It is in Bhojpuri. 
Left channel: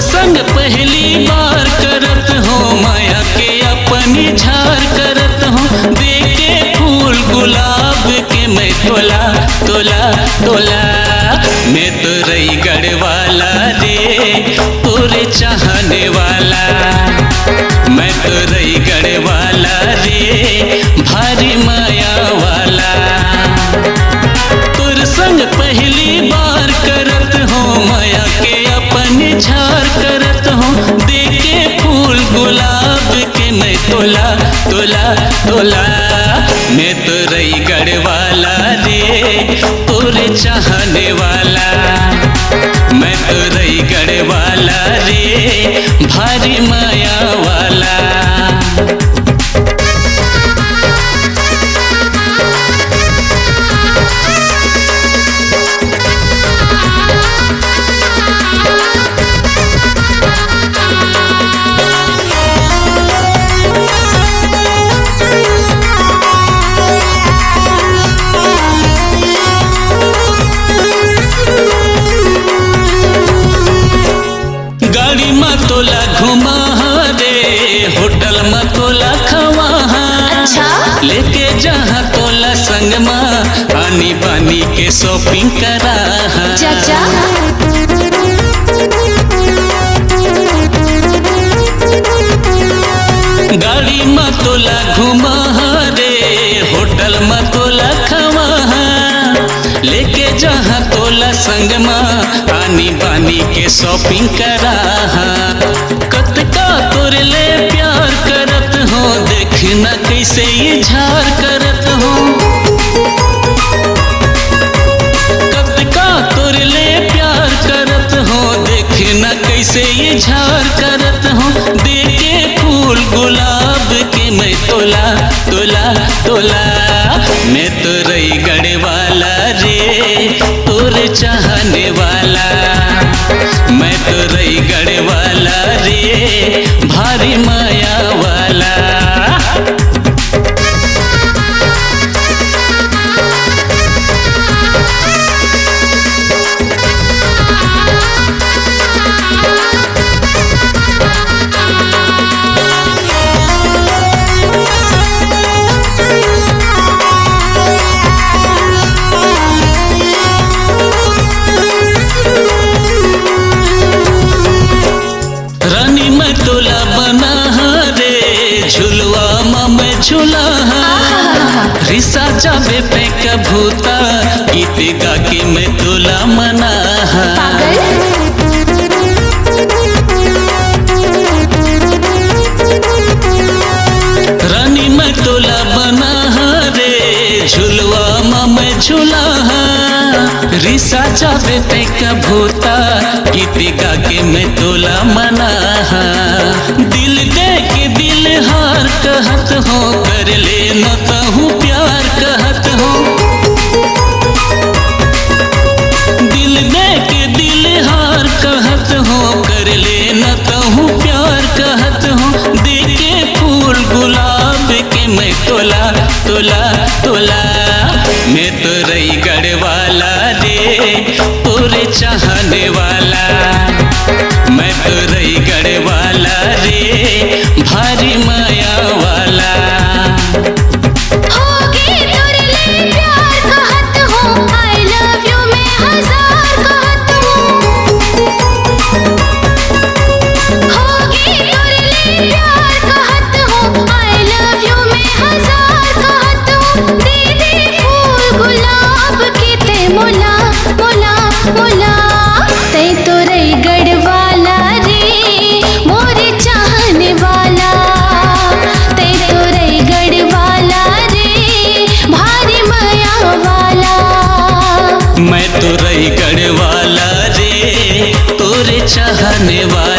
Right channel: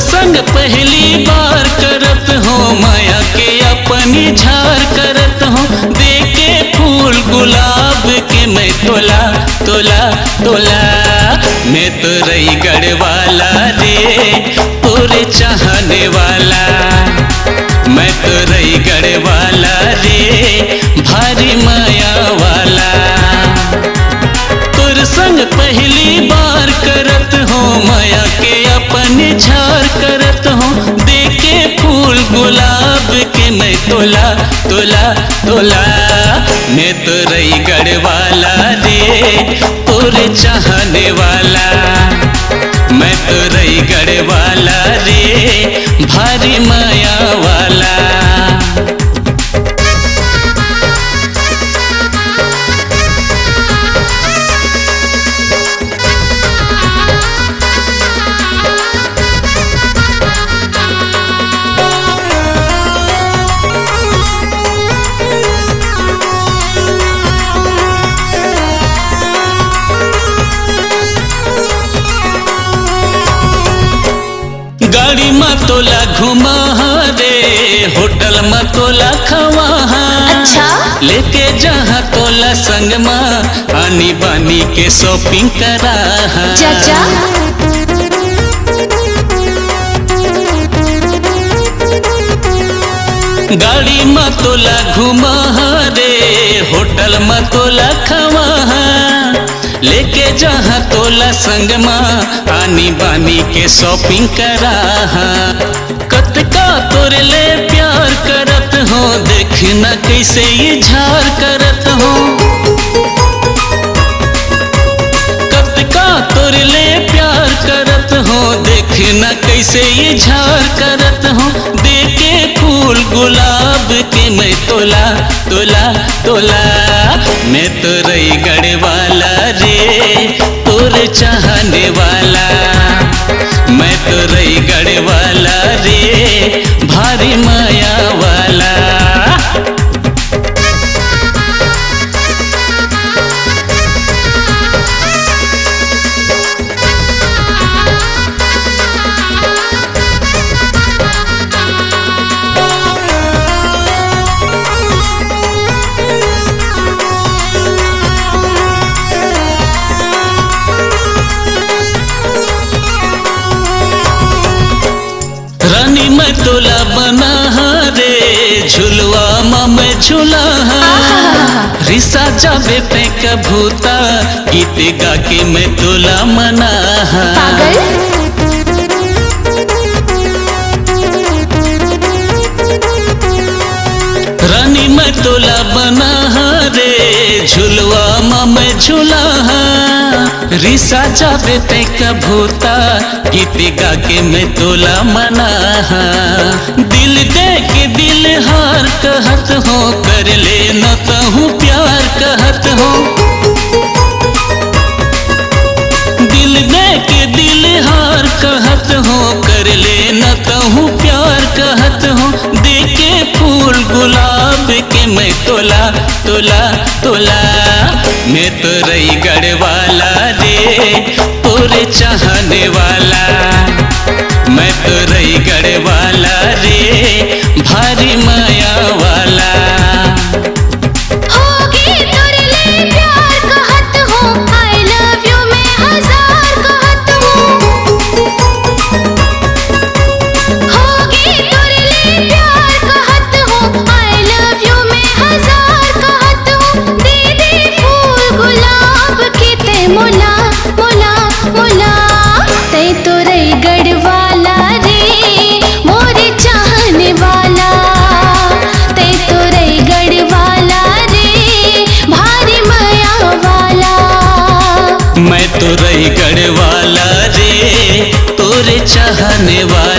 संग पहली बार करत हो माया के अपनी झार करत हो देखे फूल गुलाब के मैं तोला तोला तोला मैं तो रही गढ़वाला रे तोरे चाहने वाला मैं तो रही गढ़वाला रे भारी माया वाला तोर संग पहली बार करत हो माया के अपने झार करत हो देखे फूल गुलाब के मैं तोला तोला तोला मैं तो रही गढ़वाला रे तोरे चाहने वाला मैं तो रही गढ़वाला रे भारी माया वाला। गाड़ी में तोला घुमा रे होटल में तोला खवा अच्छा लेके जहाँ तोला संग में पानी पानी के शॉपिंग करा चाचा गाड़ी में तोला घुमा रे होटल में तोला खवा लेके जहाँ तोला संग में पानी पानी के शॉपिंग करा कतका तोर ले प्यार करत हो देखना कैसे ये झार करत हो कतका तोर ले प्यार करत हो देखना कैसे ये झार करत हो देखे फूल गुलाब के मैं तोला तोला तोला मैं तो रही गढ़वाला रे तोरे चाहने वाला मैं तो रही गढ़वाला रे भारी माया वाला। रानी मैं तोला बना रे झुलवा माँ मैं झूला रिसा जावे पे कबूता गीत गा के मैं तोला मना रानी मैं तोला बना रे झुलवा माँ मैं झूला रिसा जावे पे कबूता गीत गा के मैं तोला मना दिल दे के दिल हार कहत हो कर ले न कहूँ प्यार कहत हो दिल दे के दिल हार कहत हो कर ले न कहूँ प्यार कहत हो देखे फूल गुलाब के मैं तोला तोला तोला मैं तो रही गढ़वाला रे तोरे चाहने वाला मैं तो रही गढ़वाला रे भारी माया वाला। होगी तोर ले प्यार कहत हो I love you मैं हजार कहत हूँ होगी तोर ले प्यार कहत हो I love you मैं हजार कहत हूँ दीदी फूल गुलाब के ते मोला मोला मोला ते तोरे गढ़वाला रे मोरे चाहने वाला ते तोरे गढ़वाला रे भारी माया वाला मैं तो रही गढ़वाला रे तोरे चाहने वाला।